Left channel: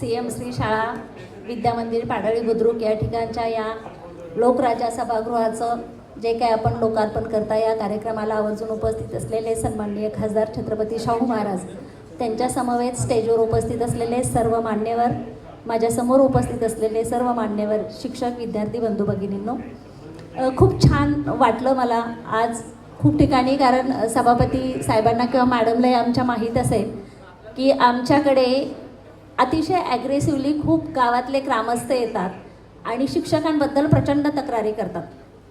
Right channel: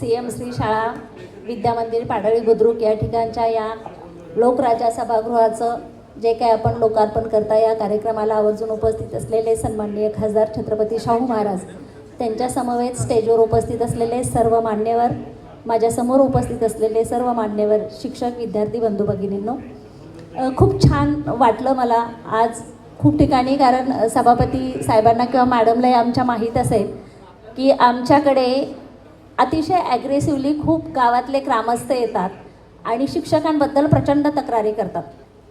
CM Shri शाळा विद्यामंदिर पाडळी बुद्रुक या ठिकाणच्या या लोकराजा सभागृहाचं जे काही आपण लोकार्पण करता या कार्यक्रमाला आवर्जून उपस्थित असलेले सन्माननीय खासदार छत्रपती शाहू महाराज, त्यांच्या समवेत स्टेजवर उपस्थित असलेले सर्व मान्यवर, माझ्यासमोर उपस्थित असलेले सर्व मान्यवर, शिक्षक, विद्यार्थी बंधू भगिनींनो, खूप छान वाटलं मला आज खूप ठिकाणी. कारण सभापती साहेबांना किंवा मॅडमलाही आमच्या माहीत असेल की आमच्याकडे अतिशय ॲग्रेसिव्हली खूप गावातले ग्रामस्थ येतात आणि शिक्षकांबद्दल प्रचंड तक्रारी करतात.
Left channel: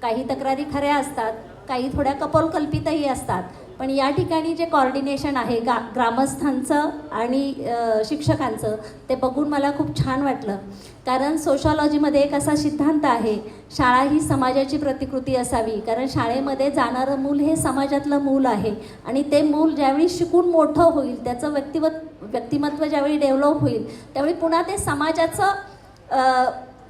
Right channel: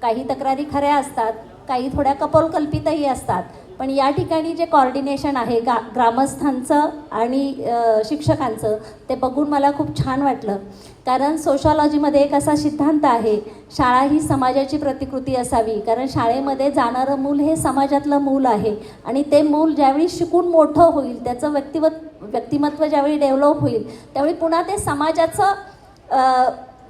काही तक्रारी खऱ्या असतात, काही थोड्या कपोलकल्पितही असतात. पण या ठिकाणी जे कॉर्डिनेशन आहे ग्रामस्थांचं आणि शिक्षकांचं, ते बघून मला खूप छान वाटलं. कारण सोशॉलॉजीमध्ये एक असा सिद्धांत आहे, शाळा ही समाजाची प्रतिकृती असावी. कारण शाळेमध्ये जाणारं मूल हे समाजातलं मूल आहे आणि ते मूल ज्यावेळी शिकून मोठं होईल, त्याचं व्यक्तिमत्व ज्यावेळी डेव्हलप होईल, त्यावेळी पुन्हा ते समाजाचं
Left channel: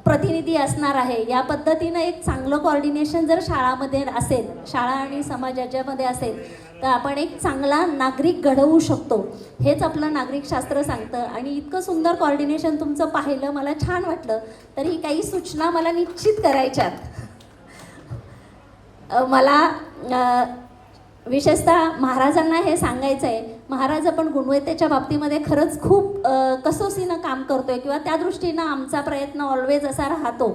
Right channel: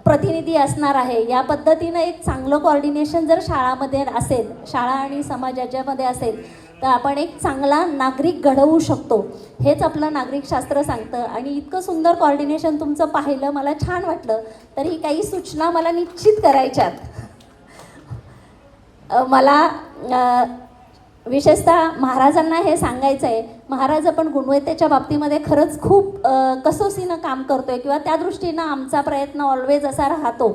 प्रतिनिधी असणार आहे. या पद्धतीनं एक चांगलं कॉर्डिनेशन जर शाळामध्ये असेल, शाळा आणि समाजाच्यामध्ये असेल, तर आपण एक चांगला नागरिक घडवू शकतो. हेच आपलं नागरिकशास्त्र सांगतं. आणि इतकं सुंदर कॉर्डिनेशन तुमचं पाहिलं, मला छान वाटलं. तर ही काही सूचना मला निश्चित करायच्यात. मला विशेषतः महाराजांना हे सांगायचं आहे, महाराज आपण गुणवत्तेच्या बाबतीमध्ये खरंच खूप कसोसीनं काम करतोय किंवा त्या दृष्टीनं आमचा प्रयत्न ऑलवेज असा राहतो.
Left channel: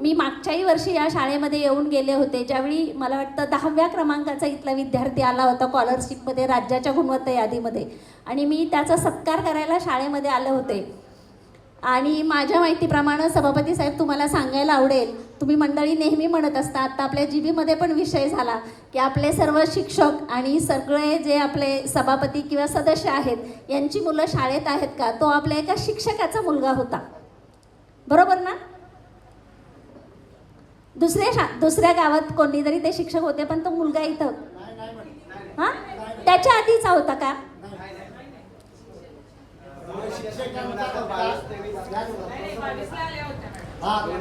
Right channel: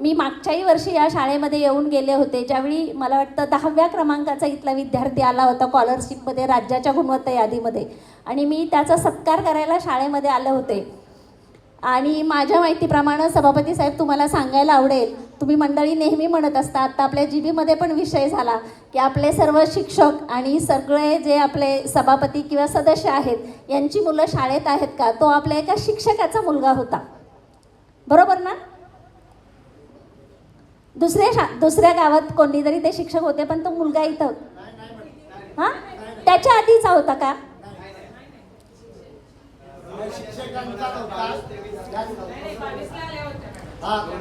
मी मागच्याही वर्षी या शाळेमध्ये येऊन गेले होते, ज्यावेळी मला वाटतं 10व्या क्रमांकाचा इथला विद्यार्थी आला होता स्कॉलरशिपमध्ये राज्याच्या गुणवत्ता यादीमध्ये, आणि मी त्याचा सत्कार करायला शाळेमध्ये आले होते. आणि माझ्या माहितीप्रमाणे सभापती साहेब तुम्हाला सांगायला आवडेल, तुम्ही मंडळी नेहमी म्हणत असता, आता आपल्या जीबीमध्ये पण विषय झाला की आपले सर्व शिक्षक आणि सगळे जे आपले सभापती किंवा सदस्य आहेत यांची मुलं शाळेत आहेत का. तो आपल्या एका शिक्षकाचा मुलगा होता, बरोबर ना. दुसऱ्या गावात कोणीतरी ते शिक्षक होते, पण तो मुलगा इथं हां त्याच्या आधीचा होता का.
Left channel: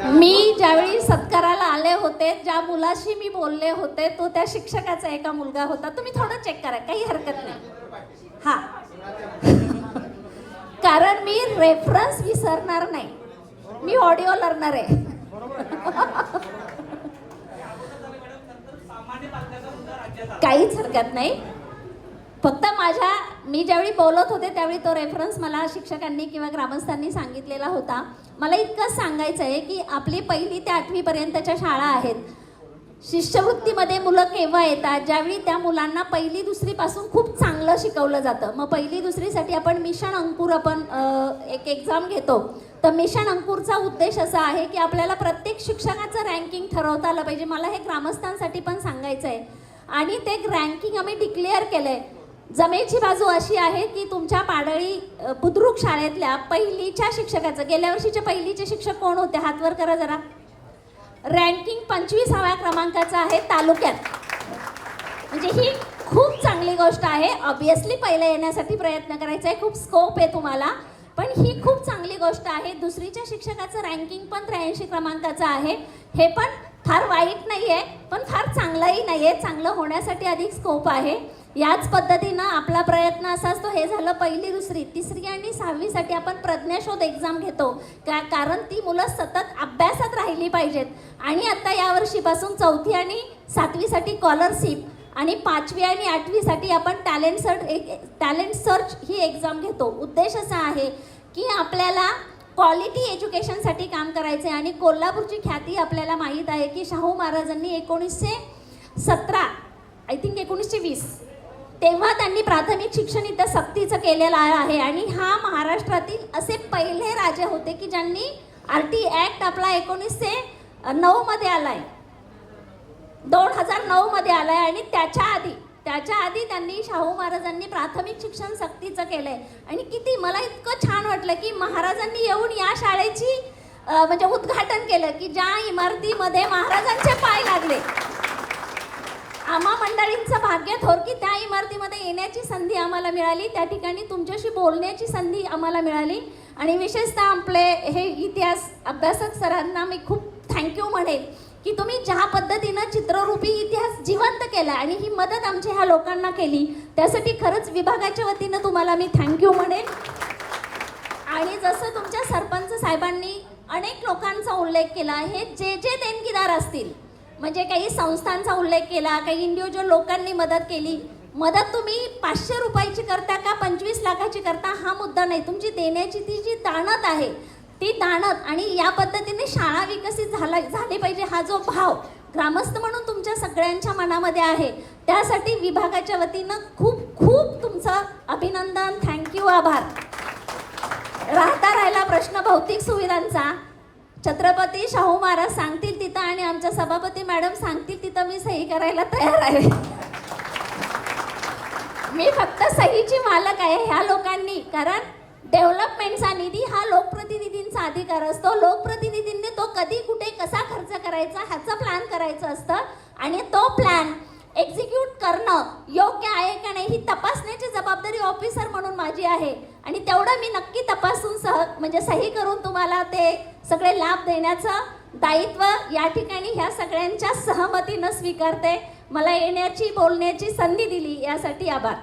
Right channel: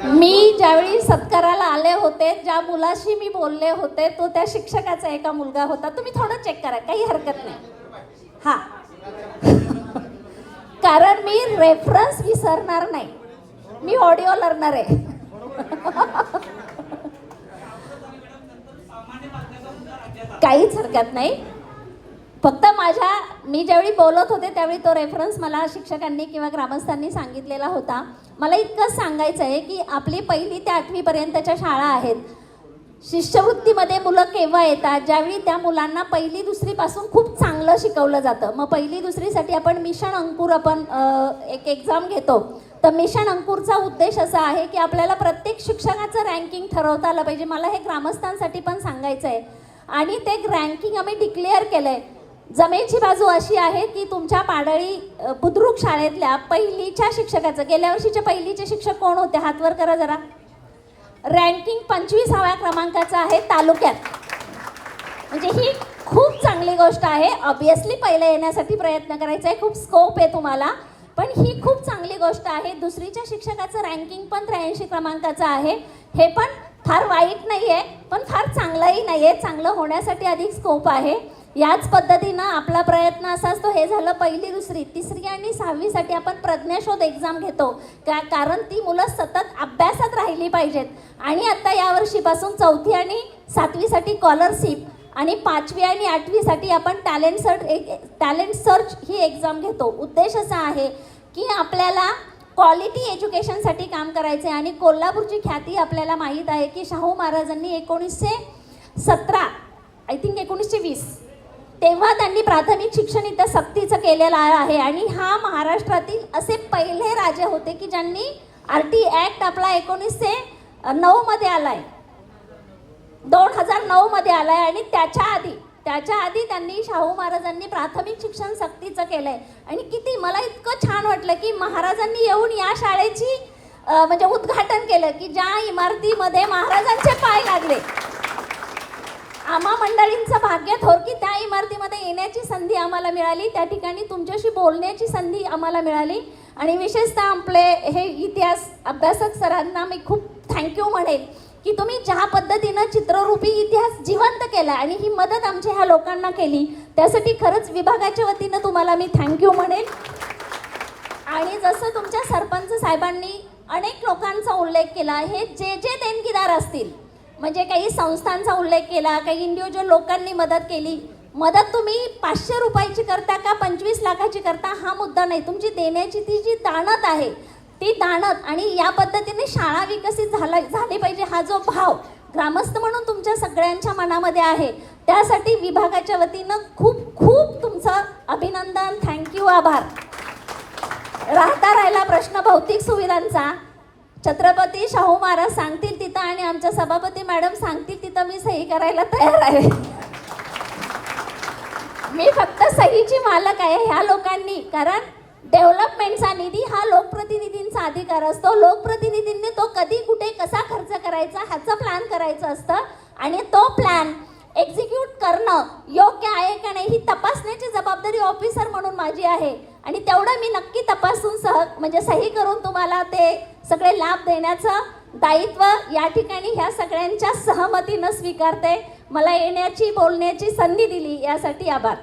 मी ज्यावेळी सत्काराला आले होते, ज्या मुलाशी मी बोलले होते तो त्या शिक्षकाचा एका मुलगा होता. तुम्ही थोडं चेक करा, काही हरकत नाही. हा कारण मी रेफरन्स विसरणार नाही, मी ऑडिओ लर्नर आहे. काहीच हरकत नाही. फक्त मी ज्यावेळी बोलत होते त्यावेळी तो रेफरन्स मला शिक्षकांनी किंवा ग्रामस्थांनी सांगितलेला होता. मला इतकंच सांगायचं आहे की आपली 1ली ते 8वी पर्यंतच्या शाळा आहेत. शिष्यवृत्तीमध्ये मुलं केव्हा येतात, ज्यावेळी त्या मुलांना 1ली 2री पासून खूप चांगलं शिकवलं जातं. मग 1ली 2री साठी आपण मिशन अंकुर एक एक्झाम घेतो. तर मिशन अंकुरचा उद्देश असा आहे की आपल्याला प्रत्येक शिक्षकाचं रँकिंग ठरवता आलं पाहिजे. मला हे ग्रामस्थांसाठी पण सांगायचं आहे. आणि ते रँकिंग आम्ही डिक्लेअर केलं आहे. जमेची बाजू अशी आहे की तुमच्या पाडळी बुद्रुक शाळेतल्या 1लीच्या शिक्षकाचं, गेल्या वर्षीचे 1लीचे शिक्षक कोण होते, हातवर करा जरा. रँकिंग 25व्या क्रमांकाचं आहे तालुक्यात. म्हणजे ही खूप चांगली गोष्ट आहे. ऑब्विसली पहिलं येण्यासाठी प्रयत्न करायचा आहे, खूप स्कोप आहे तुम्हाला, पण ही खूप चांगली गोष्ट आहे. 2रीच्या शिक्षकाचं रँकिंग पण 83 क्रमांकाचं आहे. हे पण फार वाईट नाही आहे, पण फार चांगलंही नाही आहे. चांगलं होण्यासाठी अधिक स्कोप आहे. याच पद्धतीनं आपला प्रयत्न असा असतो. हे झालं 1ली 2री. 3री आणि 6वीसाठी आपण प्रज्ञाशोध एक्झाम घेतो, कारण ती मुलं सतत अभ्यासात राहिली पाहिजेत. आणि आता यावर्षीपासून 4थी आणि 7वीसाठी स्कॉलरशिप आणि 5वी आणि 8वीसाठी आपण टॅलेंट सर्च ही एक्झाम घेतो. उद्देश असा आहे की आपल्याला क्वालिटी एज्युकेशनसाठी काम करायचं आहे. आणि कोल्हापूरची ख्याती आपल्याला माहीत आहे की शाहू महाराजांनी 1917 आय थिंक 1920 तेव्हा त्यांनी प्राथमिक शिक्षण इथं सक्तीचं केलेलं आहे. आणि हा महाराष्ट्रातील असे पहिले राजे होते की ज्यांनी RT ॲक्ट आपला 1909 मध्ये आलाय, 2009 मध्ये आलाय. आणि त्याच्या आधी त्यांनी शाहू महाराजांनी प्राथमिक शिक्षण सक्तीचं केलंय. आणि किती मला इतकं छान वाटलं की महाराजांनी येऊन या शाळेची म्हणजे उद्घाटन केलं की ज्या इमारतीमध्ये महाराजांचे पाय लागले. आम्हा मंडळींचं भाग्य थोर की त्या इमारतीमध्ये येण्याची संधी आम्हाला मिळाली, त्या ठिकाणी तुमच्याशी बोलण्याची संधी आम्हाला मिळाली. आणि विशेषतः आपले हे इतिहास अभ्यासक सरांना मी खूप थँक्यू म्हणेन की तुम्ही ज्या पद्धतीनं चित्ररूपी इतिहास जिवंत केला आणि ही मदत आमच्या ह्या लोकांना केली, त्यासाठी खरंच विभागाच्या वतीनं तुम्हाला मी थँक्यू म्हणेन. आणि जसं तुमच्या सरपंच साहेबांनी अनेक लोकांचा उल्लेख केला, हे जे जे देणगीदार असतील, म्हणजे काही संस्थांचा उल्लेख केला, काही इंडिव्हिज्युअल लोकांनी मदत केली. मदत तुम्ही 500 रुपयाची करता का 25 लाखाची करता हा मुद्दा नाही. तुमची देण्याची ती जी दानत आहे, ती दानत, आणि या पद्धतीने शाळा विकसित झाली पाहिजे हा जो भाव ग्रामस्थ म्हणून तुमच्या सगळ्यांच्या मनामध्ये आहे, त्यासाठी विभागाच्या वतीनं खूप खूप तुमचं अभिनंदन, थँक्यू, आभार. राहिला प्रश्न भौतिक सुविधांचा. छत्रपती शाहू महाराज सांगतील तिथं आणि आमच्या सभापती मॅडम सांगतील तिथं मी सही करायला तयार आहे. मी फक्त सहीची मालक आहे ह्या लोकांनी, कारण डेव्हलपमेंटचा निधी हा लोकप्रतिनिधींचा अधिकार असतो. लोकप्रतिनिधींनी तो कधी कुठे कसा खर्च करायचा ह्याचं प्लॅन करायचं असतं आणि तो प्लॅन एक्झिक्यूट करणं योग्य आहे का नाही ही तपासण्याची जबाबदारी ऑफिसर म्हणून माझी आहे. आणि तेवढं मी नक्की तपासून म्हणजे सही करून तुम्हाला ते सगळे लाभ देण्याचं दायित्व या ठिकाणी ह्या सगळ्यांच्या सहमतीनं स्वीकारते. मला येण्याची बोलण्याची संधी दिली यासाठी आभार.